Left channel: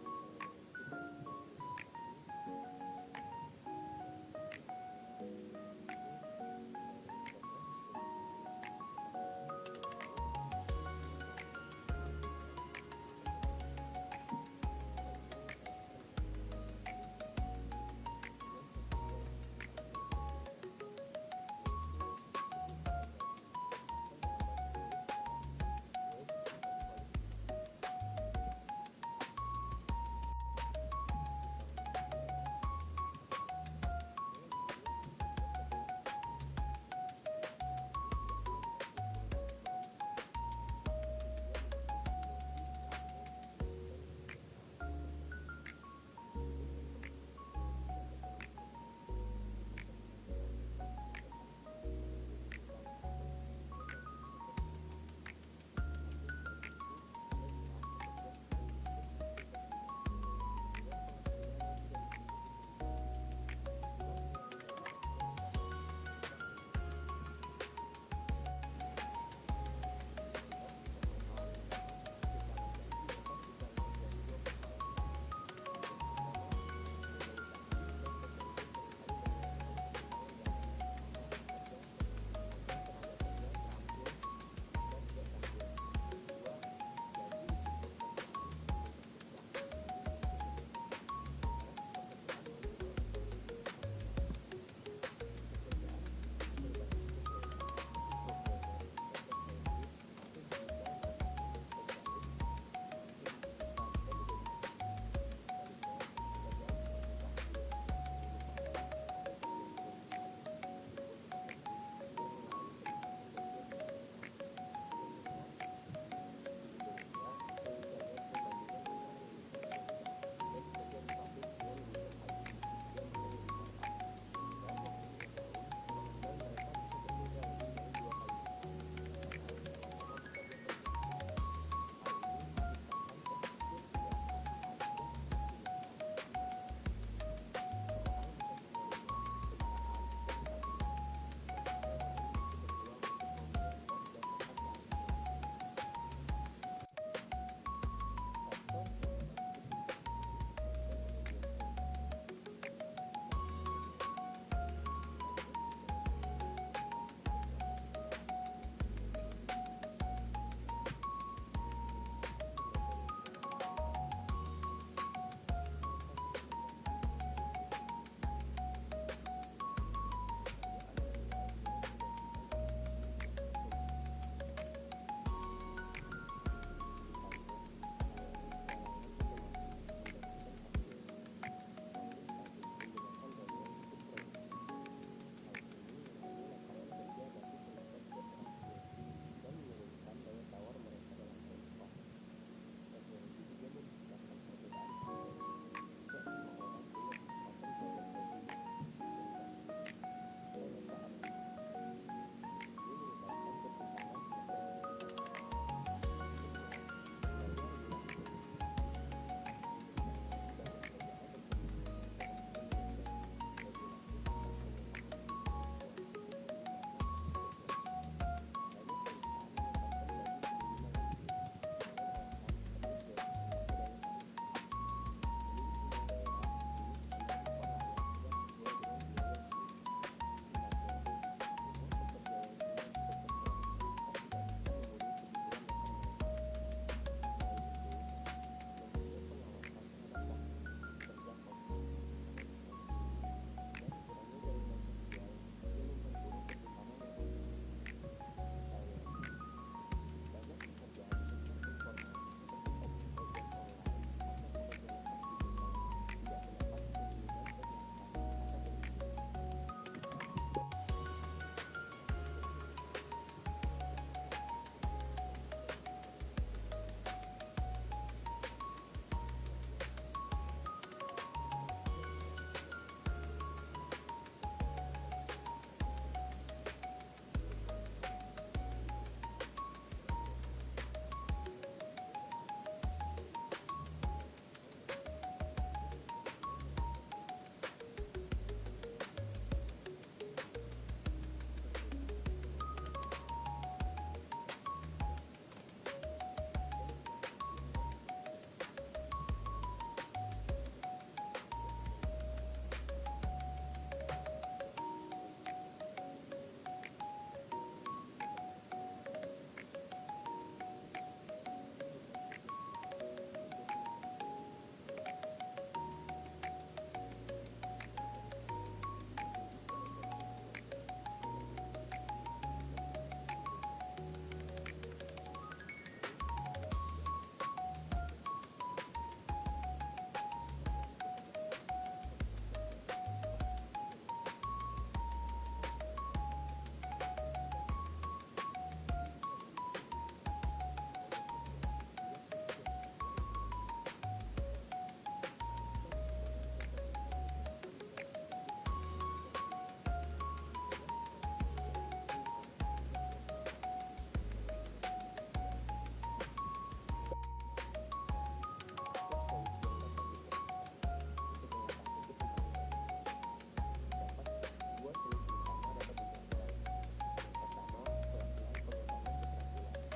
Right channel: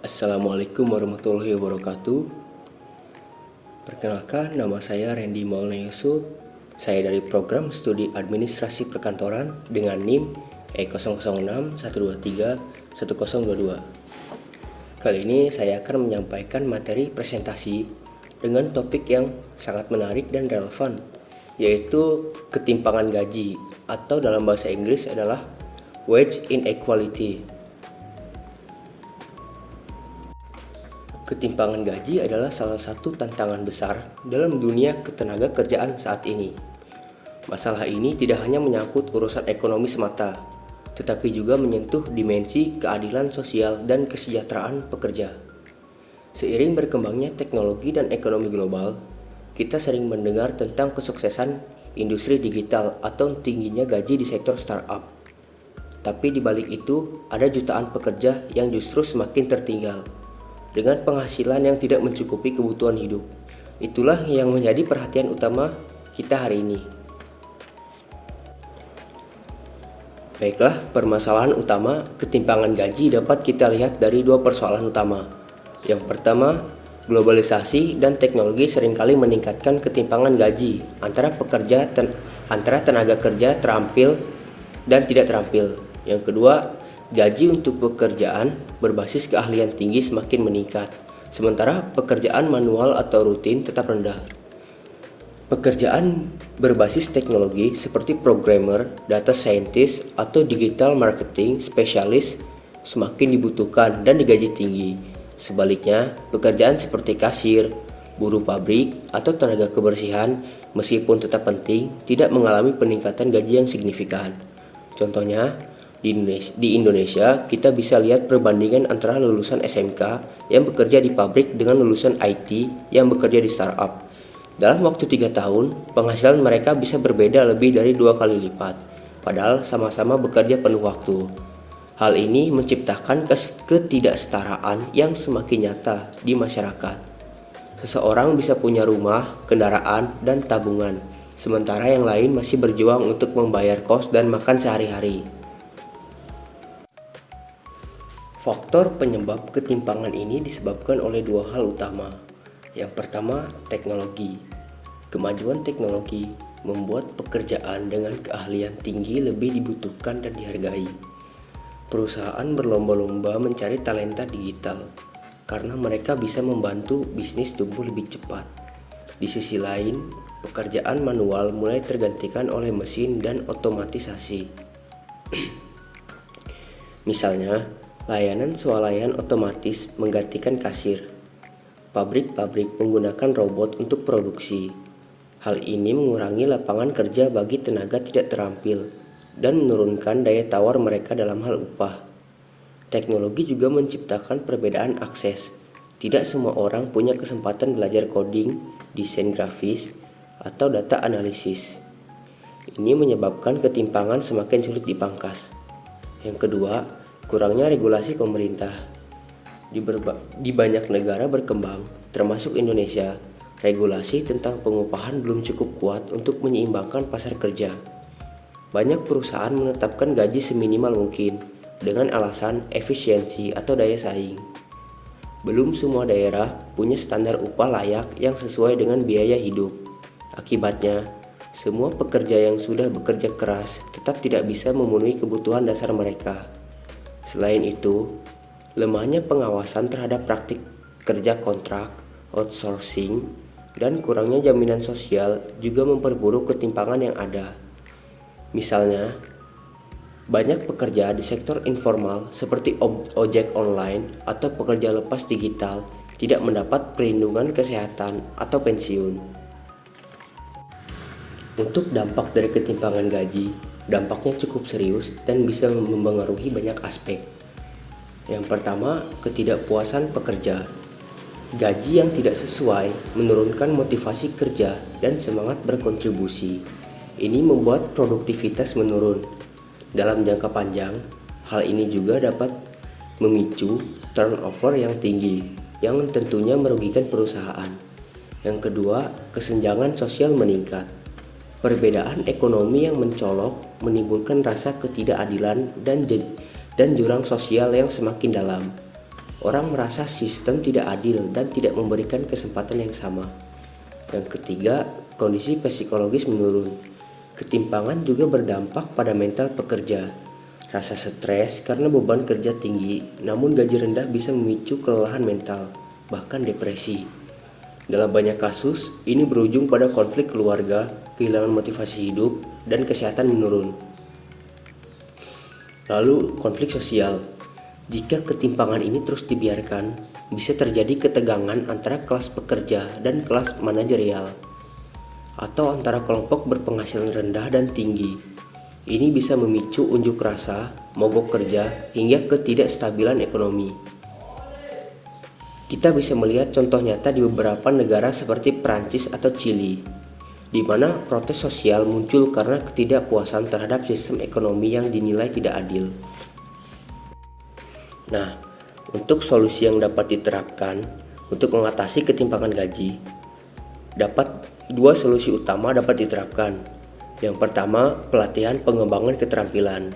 Assalamualaikum warahmatullahi wabarakatuh. Perkenalkan, nama saya Randy Maulana Yusuf. Saya dari program studi administrasi perkantoran dengan NIM E006-123-1022. Kali ini saya akan menyampaikan materi presentasi dengan topik yang sangat menarik dan relevan, yaitu ketimpangan gaji atau dalam bahasa Inggris adalah wage inequality. Ketimpangan gaji adalah salah satu tantangan besar dalam dunia ketenaga kerjaan saat ini. Masalah ini tidak hanya menyangkut urusan ekonomi semata, tetapi juga menyentuh dimensi keadilan sosial dan kesejahteraan pekerja. Seiring berkembangnya teknologi dan ekonomi global, kita sering mendengar tentang kesuksesan industri digital atau tingginya gaji di sektor startup. Tapi di balik itu, ada jutaan pekerja yang justru semakin tertinggal dengan penghasilan yang tidak mencukupi kebutuhan hidup. Itulah yang menjadi perhatian utama kita hari ini. Baiklah, permasalahan utama ketimpangan gaji dapat kita lihat dari dua persoalan utama. Yang pertama, globalisasi dan teknologi seringkali meningkatkan ketimpangan gaji antara tenaga kerja terampil dan tidak terampil. Yang kedua, gaji untuk pekerjaan berbasis keahlian tinggi semakin meningkat, sementara pekerjaan manual atau rutin tetap rendah. Pekerjaan berbasis teknologi seperti programmer, data scientist, atau digital marketing spesialis semakin dibutuhkan dan digaji tinggi. Sebaliknya, pekerjaan seperti kasir, buruh pabrik, atau tenaga kebersihan meskipun tetap penting, tidak mengalami peningkatan gaji yang signifikan. Contohnya, di Indonesia, kita bisa lihat perbandingan antara lulusan SMK yang bekerja di pabrik dengan lulusan IT yang bekerja di startup. Dalam waktu 3 tahun, penghasilan mereka bisa berbeda lebih dari 2 kali lipat, padahal sama-sama bekerja penuh waktu. Hal ini menciptakan ketidaksetaraan yang semakin nyata di masyarakat. Seseorang bisa punya rumah, kendaraan, dan tabungan, sementara yang lain masih berjuang untuk membayar kos dan makan sehari-hari. Faktor penyebab ketimpangan ini disebabkan oleh dua hal utama. Yang pertama, teknologi. Kemajuan teknologi membuat pekerjaan dengan keahlian tinggi lebih dibutuhkan dan dihargai. Perusahaan berlomba-lomba mencari talenta digital karena mereka bisa membantu bisnis tumbuh lebih cepat. Di sisi lain, pekerjaan manual mulai tergantikan oleh mesin dan otomatisasi. Misalnya, layanan swalayan otomatis menggantikan kasir. Pabrik-pabrik menggunakan robot untuk produksi. Hal ini mengurangi lapangan kerja bagi tenaga tidak terampil dan menurunkan daya tawar mereka dalam hal upah. Teknologi juga menciptakan perbedaan akses. Tidak semua orang punya kesempatan belajar coding, desain grafis, atau data analisis. Ini menyebabkan ketimpangan semakin sulit dipangkas. Yang kedua, kurangnya regulasi pemerintah. Di banyak negara berkembang, termasuk Indonesia, regulasi tentang pengupahan belum cukup kuat untuk menyeimbangkan pasar kerja. Banyak perusahaan menetapkan gaji seminimal mungkin dengan alasan efisiensi atau daya saing. Belum semua daerah punya standar upah layak yang sesuai dengan biaya hidup. Akibatnya, semua pekerja yang sudah bekerja keras tetap tidak bisa memenuhi kebutuhan dasar mereka. Selain itu, lemahnya pengawasan terhadap praktik kerja kontrak, outsourcing, dan kurangnya jaminan sosial juga memperburuk ketimpangan yang ada. Misalnya, banyak pekerja di sektor informal seperti ojek online atau pekerja lepas digital tidak mendapat perlindungan kesehatan atau pensiun. Untuk dampak dari ketimpangan gaji, dampaknya cukup serius dan bisa mempengaruhi banyak aspek. Yang pertama, ketidakpuasan pekerja. Gaji yang tidak sesuai menurunkan motivasi kerja dan semangat berkontribusi. Ini membuat produktivitas menurun. Dalam jangka panjang, hal ini juga dapat memicu turnover yang tinggi, yang tentunya merugikan perusahaan. Yang kedua, kesenjangan sosial meningkat. Perbedaan ekonomi yang mencolok menimbulkan rasa ketidakadilan dan jurang sosial yang semakin dalam. Orang merasa sistem tidak adil dan tidak memberikan kesempatan yang sama. Yang ketiga, kondisi psikologis menurun. Ketimpangan juga berdampak pada mental pekerja. Rasa stres karena beban kerja tinggi, namun gaji rendah bisa memicu kelelahan mental, bahkan depresi. Dalam banyak kasus, ini berujung pada konflik keluarga, kehilangan motivasi hidup, dan kesehatan menurun. Lalu, konflik sosial. Jika ketimpangan ini terus dibiarkan, bisa terjadi ketegangan antara kelas pekerja dan kelas manajerial, atau antara kelompok berpenghasilan rendah dan tinggi. Ini bisa memicu unjuk rasa, mogok kerja, hingga ketidakstabilan ekonomi. Kita bisa melihat contoh nyata di beberapa negara seperti Prancis atau Chili, di mana protes sosial muncul karena ketidakpuasan terhadap sistem ekonomi yang dinilai tidak adil. Nah, untuk solusi yang dapat diterapkan untuk mengatasi ketimpangan gaji, dua solusi utama dapat diterapkan. Yang pertama, pelatihan pengembangan keterampilan.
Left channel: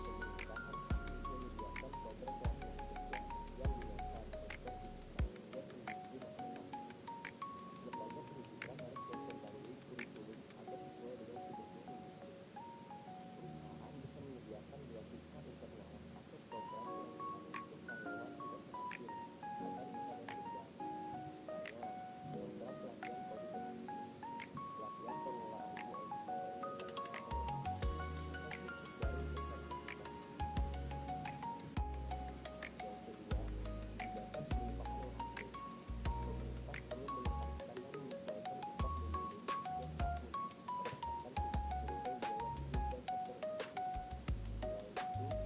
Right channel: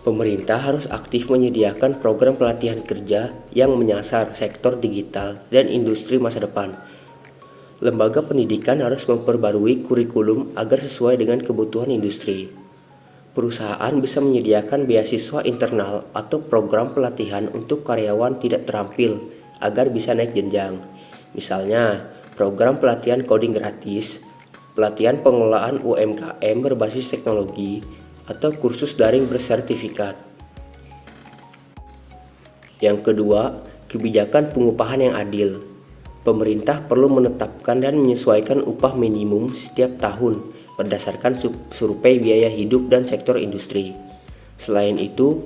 Pemerintah harus aktif menyediakan program pelatihan kerja yang menyasar sektor digital dan industri masa depan. Lembaga pendidikan harus memperbarui kurikulum agar sesuai dengan kebutuhan industri. Perusahaan bisa menyediakan beasiswa internal atau program pelatihan untuk karyawan tidak terampil agar bisa naik jenjang. Misalnya, program pelatihan coding gratis, pelatihan pengelolaan UMKM berbasis teknologi, atau kursus daring bersertifikat. Yang kedua, kebijakan pengupahan yang adil. Pemerintah perlu menetapkan dan menyesuaikan upah minimum setiap tahun berdasarkan survei biaya hidup dan sektor industri. Selain itu,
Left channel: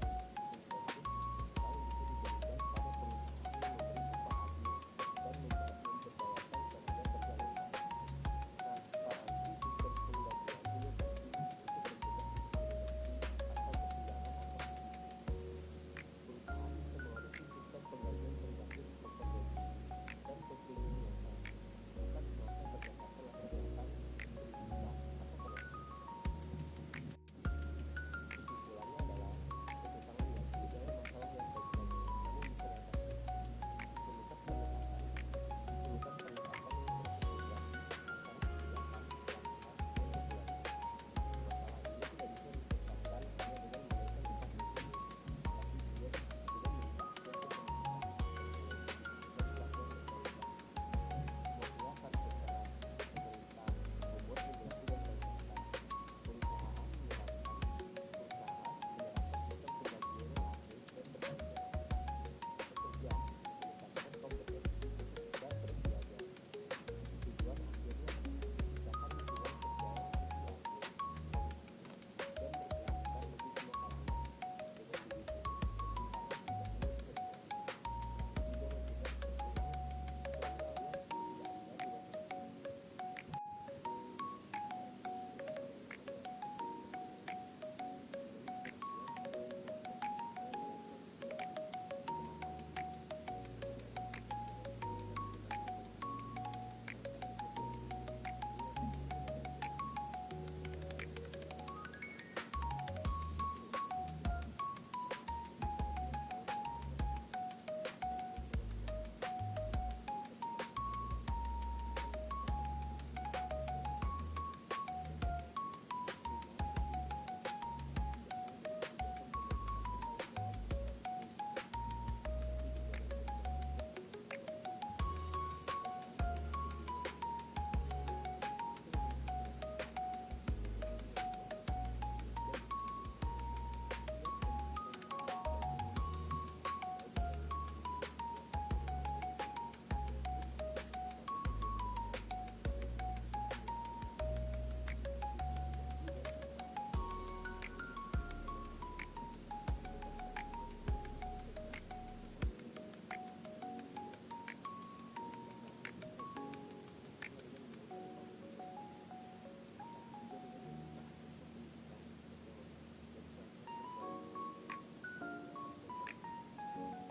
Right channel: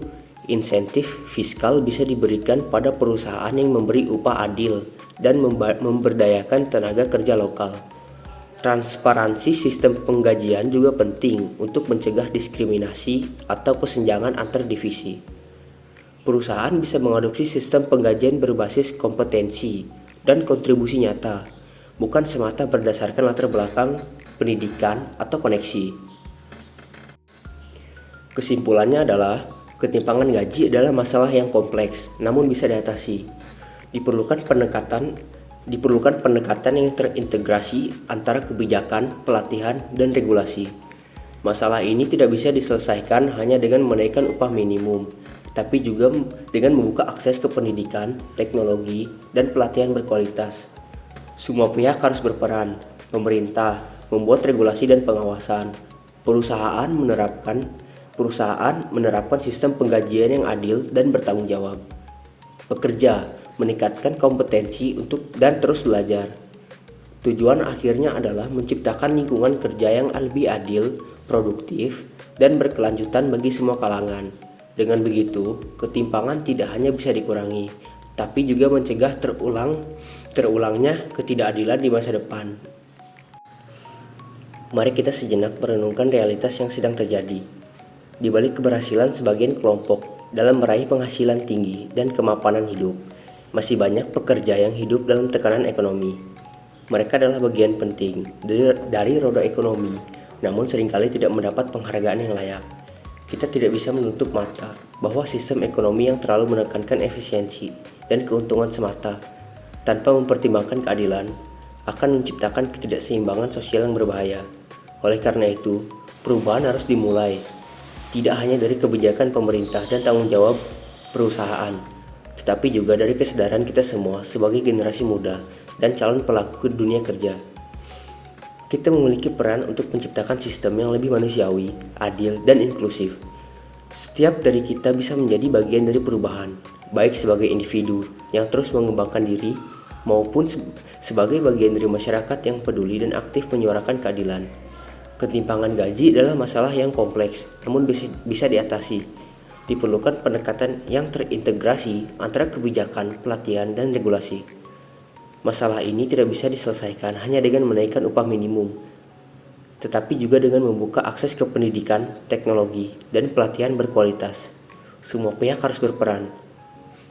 insentif fiskal bisa diberikan pada perusahaan yang memberi upah adil dan memberdayakan tenaga kerja lokal. Transparansi sistem penggajian juga penting untuk mencegah diskriminasi atau kesenjangan antar divisi. Perusahaan bisa mengadopsi sistem penggajian berbasis kompetensi dan kontribusi nyata, bukan semata berdasarkan latar belakang pendidikan atau koneksi. Kesimpulannya adalah ketimpangan gaji adalah masalah yang kompleks namun bisa diatasi. Diperlukan pendekatan yang terintegrasi antara kebijakan, pelatihan, dan regulasi. Masalah ini tidak bisa diselesaikan hanya dengan menaikkan upah minimum, tapi juga dengan membuka akses ke pendidikan, teknologi, dan pelatihan berkualitas. Semua pihak harus berperan. Pemerintah membuat regulasi dan pengawasan. Perusahaan menerapkan sistem penggajian yang adil dan bertanggung jawab. Pekerja meningkatkan kompetensi dan terus belajar. Tujuan akhirnya adalah menciptakan lingkungan kerja yang lebih adil, produktif, dan berkelanjutan bagi semua kalangan. Dengan begitu, ketimpangan tidak hanya bisa dikurangi, tapi juga mencegah terulangnya ketidakadilan di masa depan. Mari kita sejenak merenungkan realitas yang sedang terjadi. Di balik keberhasilan sebagian kelompok dalam meraih penghasilan tinggi dan kemapanan hidup, masih banyak pekerja yang hidup dalam tekanan ekonomi. Mereka adalah bagian penting dari roda ekonomi, namun seringkali tidak mendapat penghargaan yang layak. Kita tidak bisa menutup mata bahwa sistem ekonomi yang terlalu menekankan efisiensi dan keuntungan semata, tanpa mempertimbangkan keadilan, akan menciptakan ketidakseimbangan sosial yang berbahaya. Oleh karena itu, perubahan harus dimulai, tidak hanya dari kebijakan pemerintah dan tanggung jawab perusahaan, tetapi juga dari kesadaran kita semua sebagai generasi muda dan calon pelaku dunia kerja. Kita memiliki peran untuk menciptakan sistem yang lebih manusiawi, adil, dan inklusif. Setiap dari kita bisa menjadi bagian dari perubahan, baik sebagai individu yang terus mengembangkan diri, maupun sebagai bagian dari masyarakat yang peduli dan aktif menyuarakan keadilan. Ketimpangan gaji adalah masalah yang kompleks, namun bisa diatasi. Diperlukan pendekatan yang terintegrasi antara kebijakan, pelatihan, dan regulasi. Masalah ini tidak bisa diselesaikan hanya dengan menaikkan upah minimum, tetapi juga dengan membuka akses ke pendidikan, teknologi, dan pelatihan berkualitas. Semua pihak harus berperan.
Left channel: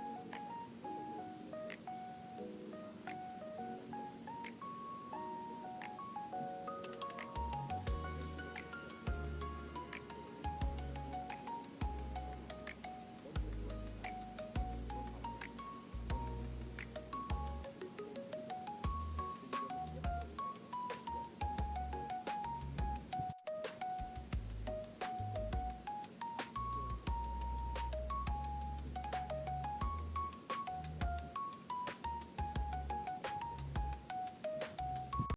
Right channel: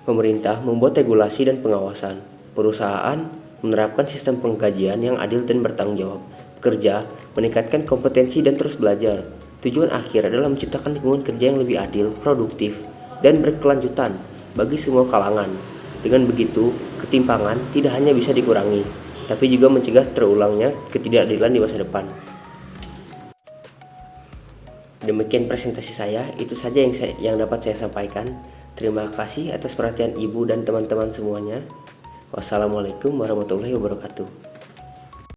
Pemerintah membuat regulasi dan pengawasan. Perusahaan menerapkan sistem penggajian yang adil dan bertanggung jawab. Pekerja meningkatkan kompetensi dan terus belajar. Tujuan akhir adalah menciptakan lingkungan kerja yang lebih adil, produktif, dan berkelanjutan bagi semua kalangan. Dengan begitu, ketimpangan tidak hanya bisa dikurangi, tapi juga mencegah terulangnya ketidakadilan di masa depan. Demikian presentasi saya, itu saja yang dapat saya sampaikan. Terima kasih atas perhatian Ibu dan teman-teman semuanya. Wassalamualaikum warahmatullahi wabarakatuh.